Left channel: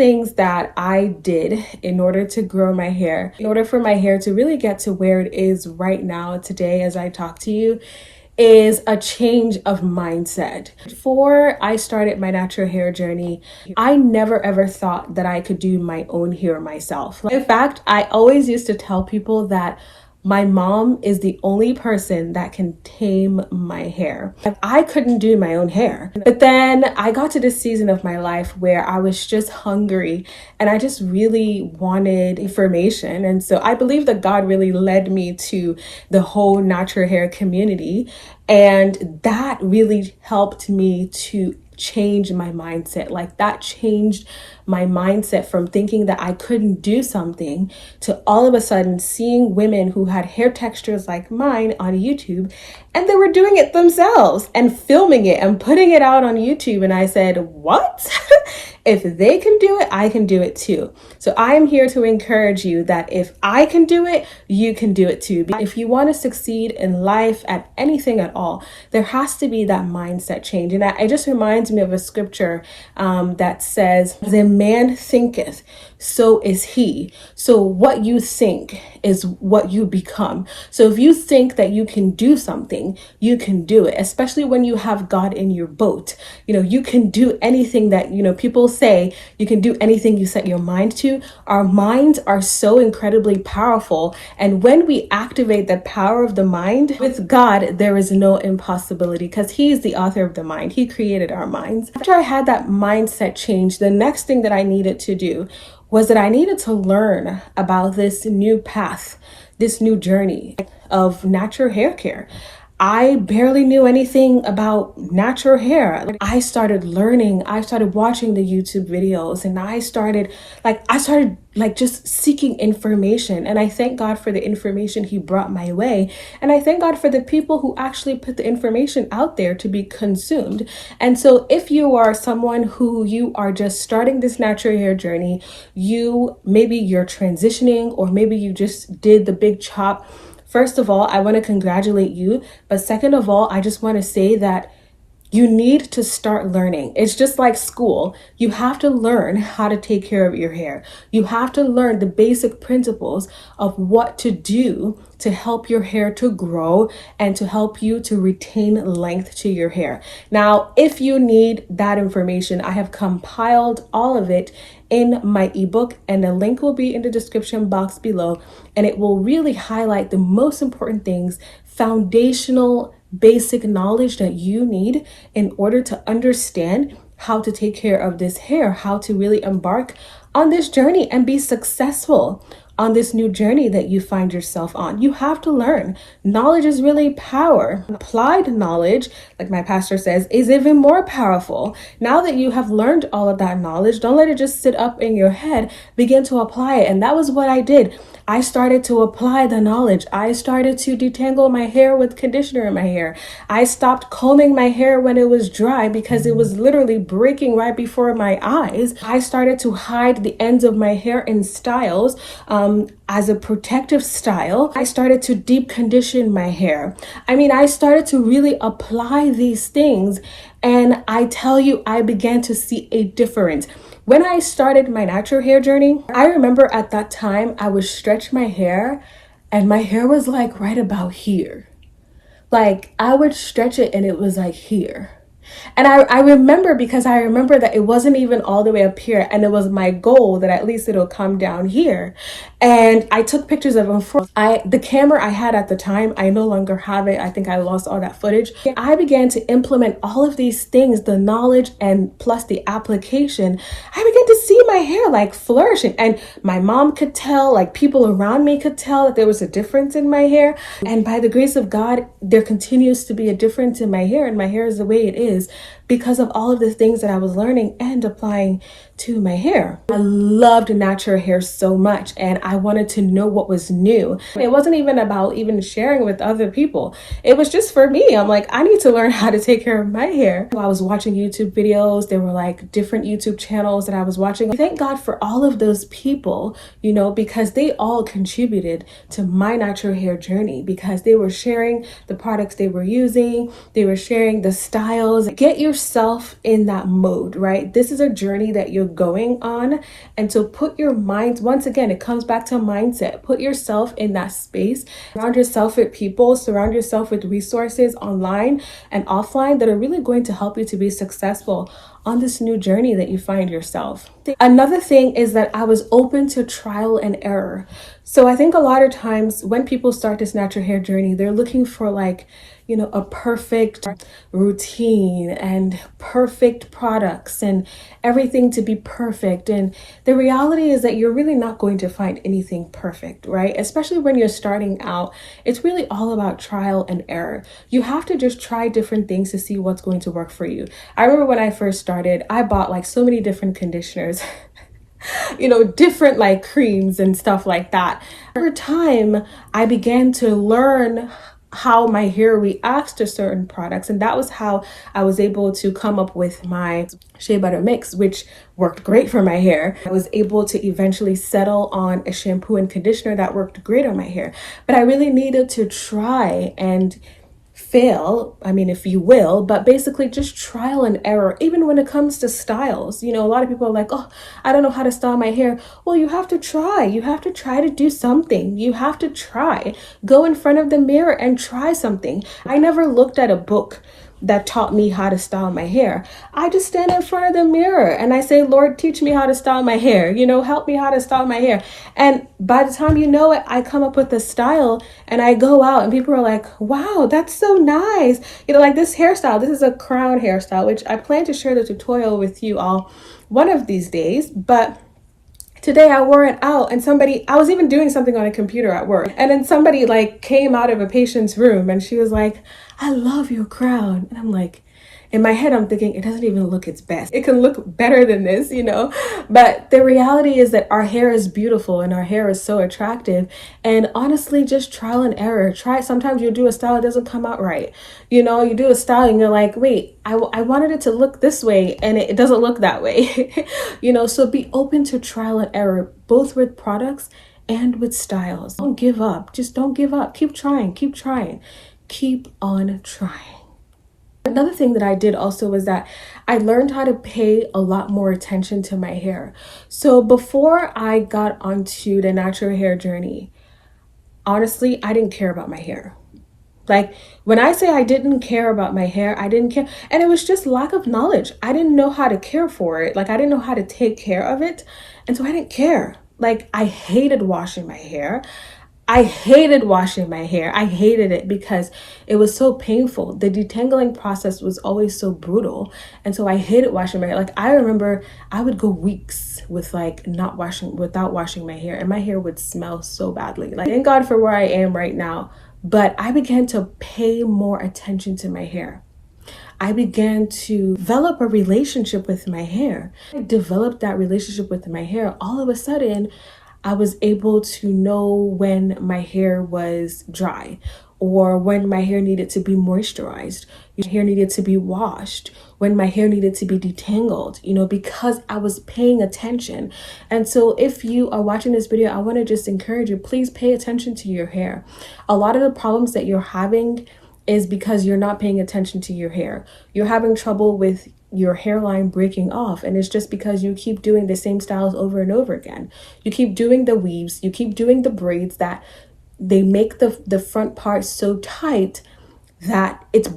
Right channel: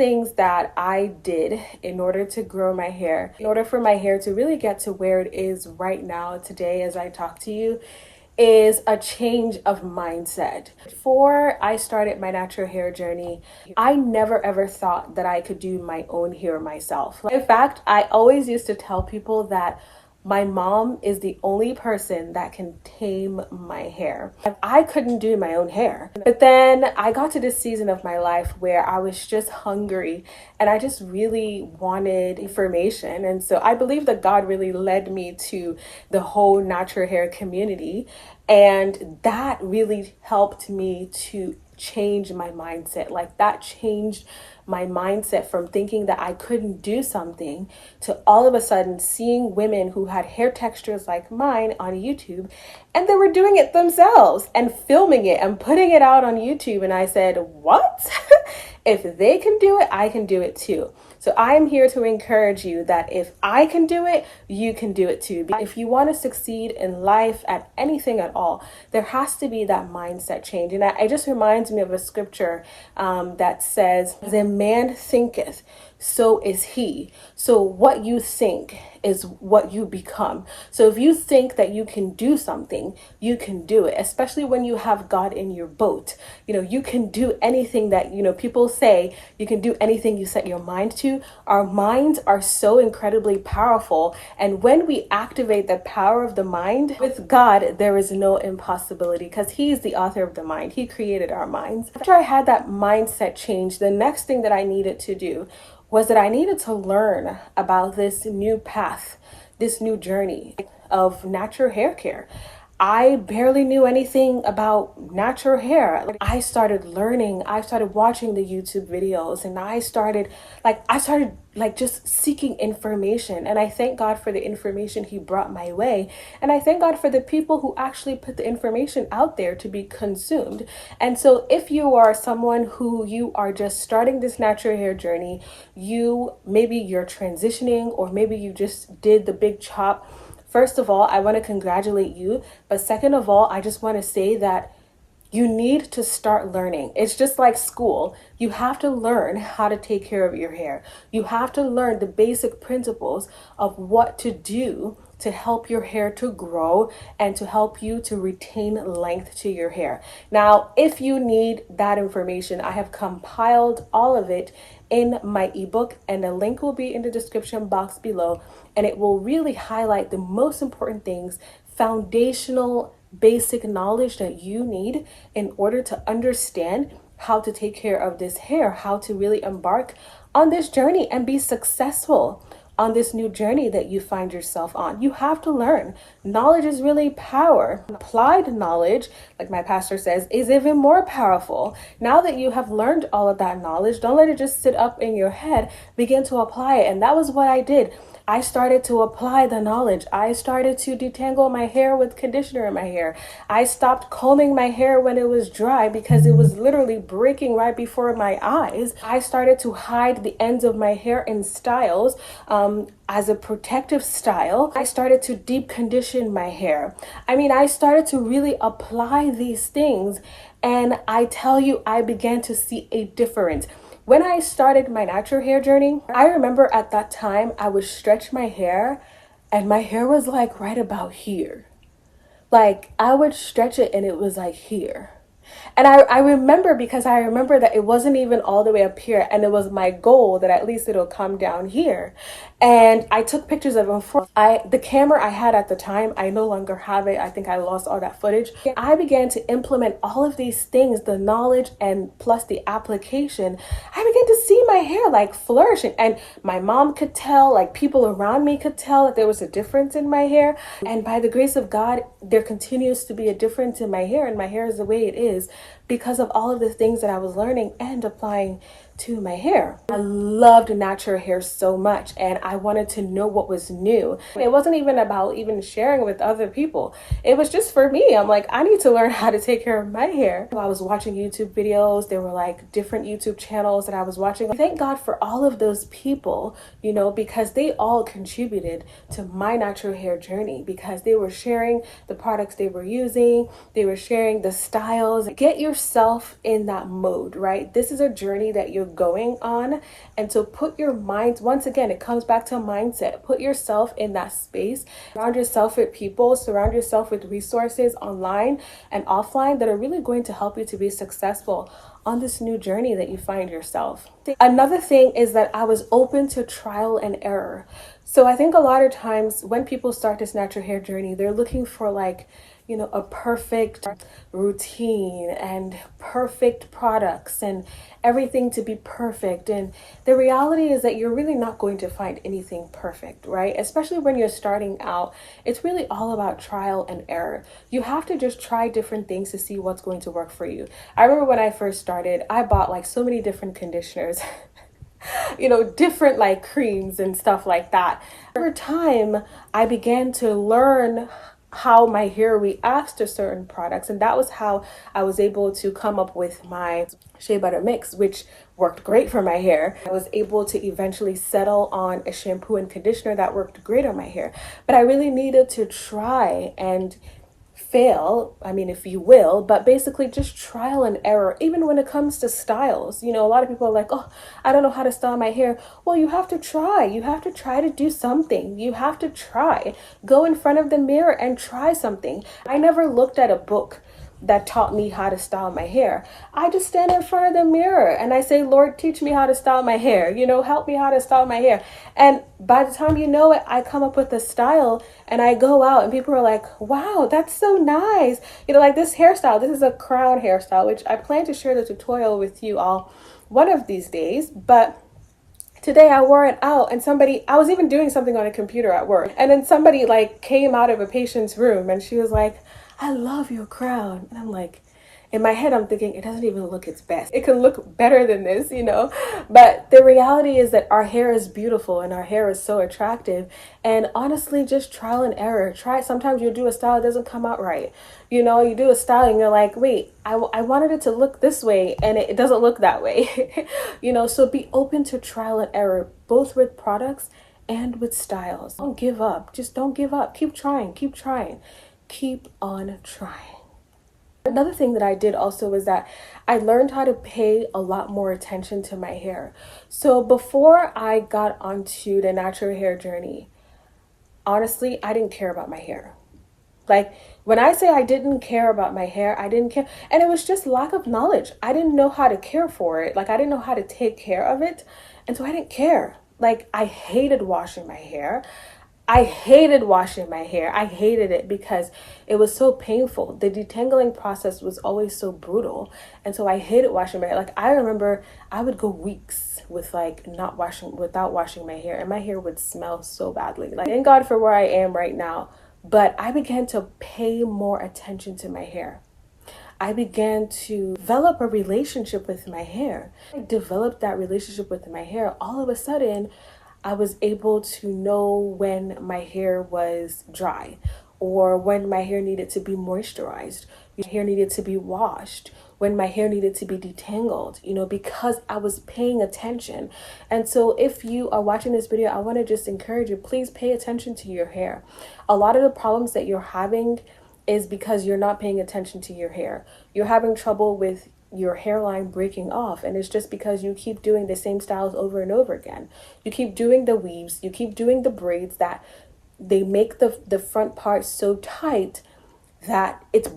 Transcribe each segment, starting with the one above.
things that I did in order to grow my hair, in order for my hair to really get to where it is right now today as I talk to you, is a change of mindset. Before I started my natural hair journey, I never ever thought that I could do my own hair myself. In fact, I always used to tell people that my mom is the only person that can tame my hair. I couldn't do my own hair. But then I got to this season of my life where I was just hungry and I just really wanted information. And so I believe that God really led me to the whole natural hair community. And that really helped me to change my mindset. Like that changed my mindset from thinking that I couldn't do something to all of a sudden seeing women who had hair textures like mine on YouTube, and they were doing it themselves and filming it and putting it out on YouTube. And I said, what? If they can do it, I can do it too. So I am here to encourage you that if I can do it, you can do it too. If you want to succeed in life at anything at all, there has to be that mindset change. And it just reminds me of a scripture that says, as a man thinketh, so is he. So what you think is what you become. So if you think that you can do something, you can do it, especially when you have God in your boat. You can do anything that, people say you can do anything you set your mind to. Our minds are so incredibly powerful. And when we activate the power of the mind with God, there is no impossibility because He's the author of the mind. He created our minds. After I had that mindset change, the next thing that I needed to do was that I needed to learn about this new path, this new journey of natural hair care. I barely knew anything about natural hair. I started learning, I started watching the YouTube videos, and I started just seeking information. And I thank God for the information He brought my way. And I thank God for the people who actually put the information out there to be consumed. And so if you are someone who you are just starting this natural hair journey, maybe you're transitioning, or maybe you just did the big chop. First of all, I want to congratulate you. But second of all, I just want to say that you need to start learning. It's just like school. You have to learn how to take care of your hair. You have to learn the basic principles of what to do to help your hair to grow and to help you to retain length to your hair. Now, if you need that information, I have compiled all of it in my ebook, and the link will be in the description box below, and it will really highlight the most important things, foundational basic knowledge that you need in order to understand how to take care of this hair, how to really embark on this journey and be successful on this new journey that you find yourself on. You have to learn. Knowledge is really power. Applied knowledge, like my pastor says, is even more powerful. Now that you have learned all of that knowledge, don't let it just sit up in your head. Begin to apply it. And that was what I did. I started to apply the knowledge. I started to detangle my hair with conditioner in my hair. I stopped combing my hair when it was dry because it was literally breaking right before my eyes. I started to hide the ends of my hair in styles as a protective style. I started to deep condition my hair. I started to really apply these things. And I tell you, I began to see a difference. When I started my natural hair journey, I remember at that time I would stretch my hair and my hair was like right about here. Like I would stretch it and it was like here. And I remember because I remember that it wasn't even all the way up here, and it was my goal that at least it'll come down here. And I took pictures of them. The camera I had at the time, I no longer have it. I think I lost all that footage. I began to implement all of these things, the knowledge and plus the application. I began to see my hair like flourishing, and my mom could tell, like people around me could tell that there was a difference in my hair. And by the grace of God, there continues to be a difference in my hair, and my hair is the way it is because of all of the things that I was learning and applying to my hair. I loved natural hair so much, and I wanted to know what was new. It wasn't even about even sharing with other people. It was just for me. I'm like, I need to learn how to take care of my hair. I was watching YouTube videos. There were like different YouTube channels that I was watching. Thank God for all of those people, because they all contributed to my natural hair journey, because they were sharing the products they were using. They were sharing the styles. Get yourself in that mode, right? This is a journey that you're going on. And so put your mind, once again, it comes back to mindset. Put yourself in that space. Surround yourself with people, surround yourself with resources online and offline that are really going to help you to be successful on this new journey that you find yourself. Another thing is that I was open to trial and error. So I think a lot of times when people start this natural hair journey, they're looking for like, a perfect routine and perfect products and everything to be perfect. And the reality is that you're really not going to find anything perfect, right? Especially when you're starting out, it's really all about trial and error. You have to just try different things to see what's going to work for you. I remember when I first started, I bought like so many different conditioners. Different like creams and stuff like that. Over time, I began to learn how my hair reacts to certain products, and that was how I was able to come up with my shea butter mix, which worked great for my hair. I was able to eventually settle on a shampoo and conditioner that worked great on my hair, but I really needed to try and fail, if you will, but basically just trial and error. Even when it comes to styles, a lot of people are like, oh, I don't know how to style my hair. Well, you have to try to do something. You have to try, go in front of the mirror and try something. I never looked at a book that taught me how to style my hair. I just stand in front of the mirror and I say, Lord, teach me how to style my hair, help me how to style my hair. And by the time you know it, I come up with a style and I go out and people are like, wow, that's so nice. Like this hairstyle, this is a crown hairstyle, which I plan to share the tutorial with you all one of these days. But today I wore it out and I was even doing something on a computer at work. And then somebody like came out of a patient's room and she was like, I love your crown. And I'm like, in my head, I'm thinking it doesn't even look its best. It can look better than this, But the reality is that our hair is beautiful and our hair is so attractive. And honestly, just trial and error. Sometimes you'll do a style that doesn't come out right. You do a style and you're like, wait, I wanted it to look this way and it doesn't look that way. So be open to trial and error, both with products and with styles. Don't give up. Just don't give up. Keep trying. Keep on trying. Another thing that I did also was that I learned how to pay a lot more attention to my hair. So before I got onto the natural hair journey, honestly, I didn't care about my hair. Like when I say I didn't care about my hair, I didn't care. And it was just lack of knowledge. I didn't know how to care for it. Like I didn't know how to take care of it. And so I didn't care. Like I hated washing my hair. I hated it because it was so painful. The detangling process was always so brutal. And so I hated washing my hair. Like I remember I would go weeks without washing my hair, and my hair would smell so badly. Like thank God for where I am right now. But I began to pay more attention to my hair. I began to develop a relationship with my hair. I developed that relationship with my hair. All of a sudden, I was able to know when my hair was dry or when my hair needed to be moisturized, when my hair needed to be washed, when my hair needed to be detangled, because I was paying attention. And so if you are watching this video, I want to just encourage you, please pay attention to your hair. A lot of the problems that you're having is because you're not paying attention to your hair. You're having trouble with your hairline breaking off, and it's just because you keep doing the same styles over and over again. You keep doing the weaves, you keep doing the braids that they make the front part so tight that it's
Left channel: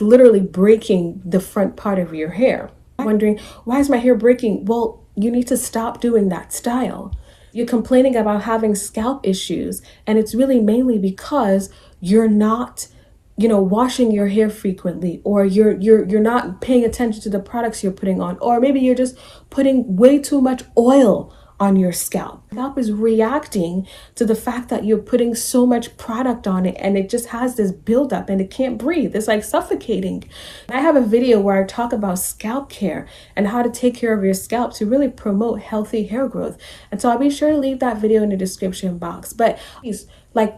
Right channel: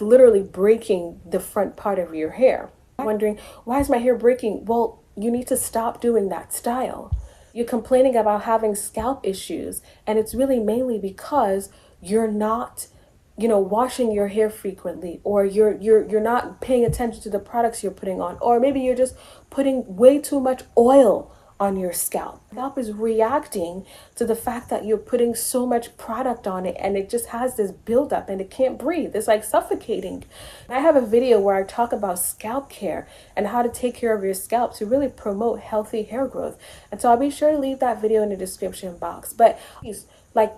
literally breaking the front part of your hair. I'm wondering, why is my hair breaking? Well, you need to stop doing that style. You're complaining about having scalp issues, and it's really mainly because you're not washing your hair frequently, or you're not paying attention to the products you're putting on, or maybe you're just putting way too much oil on your scalp. Scalp is reacting to the fact that you're putting so much product on it, and it just has this buildup and it can't breathe. It's like suffocating. I have a video where I talk about scalp care and how to take care of your scalp to really promote healthy hair growth. And so I'll be sure to leave that video in the description box. But please,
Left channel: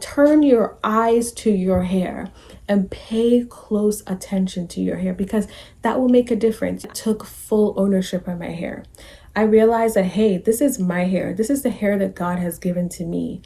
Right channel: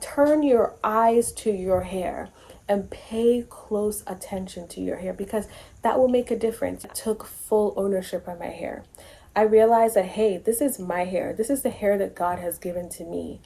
turn your eyes to your hair and pay close attention to your hair, because that will make a difference. I took full ownership of my hair. I realized that, hey, this is my hair. This is the hair that God has given to me.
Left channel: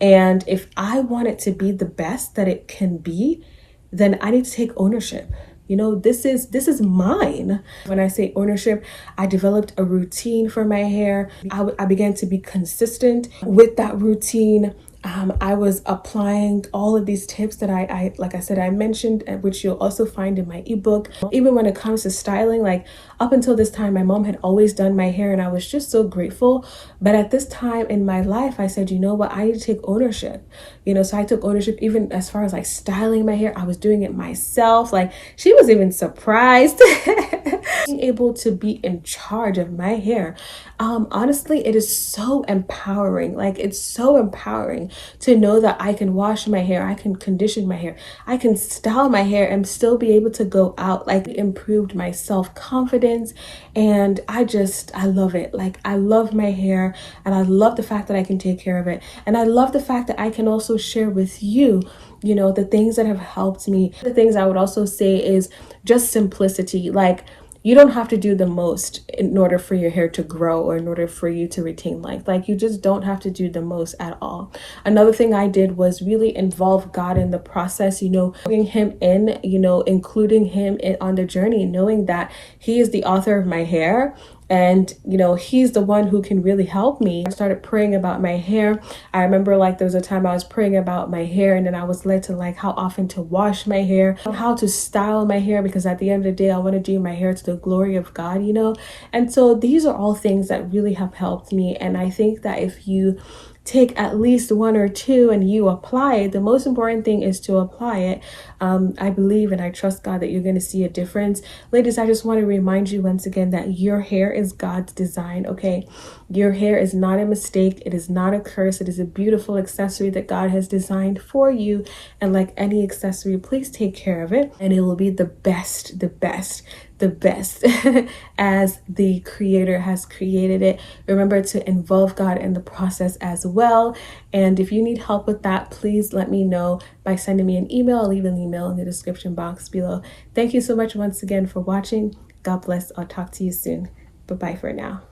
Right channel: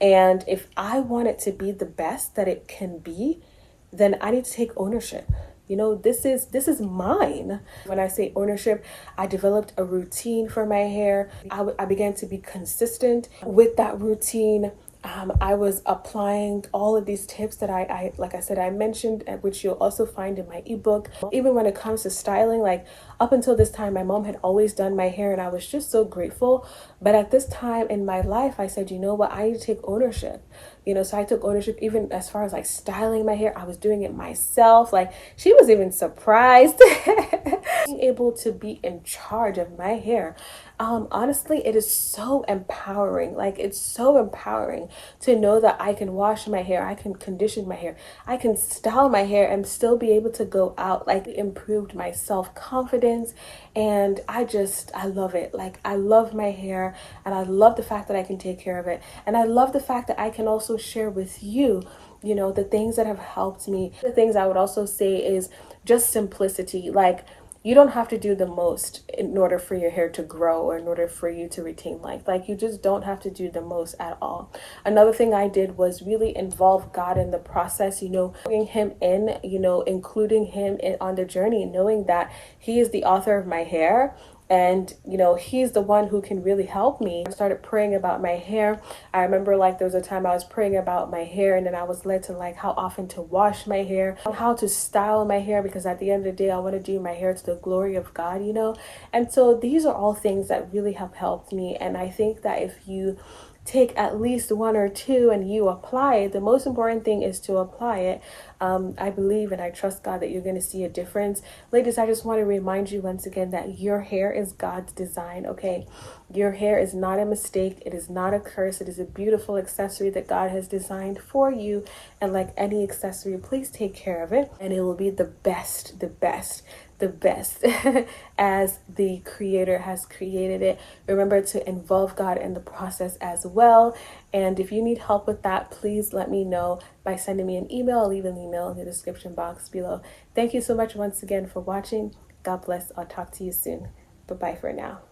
And if I want it to be the best that it can be, then I need to take ownership. this is mine. When I say ownership, I developed a routine for my hair. I began to be consistent with that routine. I was applying all of these tips that I like I said, I mentioned, which you'll also find in my ebook. Even when it comes to styling, like up until this time, my mom had always done my hair and I was just so grateful. But at this time in my life, I said, you know what, I need to take ownership. So I took ownership even as far as like styling my hair. I was doing it myself. Like she was even surprised. Being able to be in charge of my hair. Honestly, it is so empowering. Like it's so empowering to know that I can wash my hair, I can condition my hair, I can style my hair and still be able to go out. Like it improved my self-confidence and I love it. Like I love my hair and I love the fact that I can take care of it. And I love the fact that I can also share with you the things that have helped me. The things I would also say is just simplicity. Like you don't have to do the most in order for your hair to grow or in order for you to retain length. Like you just don't have to do the most at all. Another thing I did was really involve God in the process, bringing him in, including him on the journey, knowing that he is the author of my hair. And, he's the one who can really help me. I started praying about my hair. I remember like there was a time I was praying about my hair and then I was led to like how often to wash my hair, how to style my hair, because at the end of the day, I want to do my hair to the glory of God, And so these are all things that really have helped me. And I think that if you take at least one or two and you apply it, the most important thing is to apply it. I believe and I trust God that you're going to see a difference. Ladies, I just want to remind you once again that your hair is God's design, okay? Your hair is not a mistake. It is not a curse. It is a beautiful accessory that God has designed for you. And like any accessory, please take care of it and it will be the best as the creator has created it. Remember to involve God in the process as well. And if you need help with that, please let me know by sending me an email. I'll leave an email in the description box below. Thank you so much once again for watching. God bless. I'll talk to you soon. Bye-bye for now.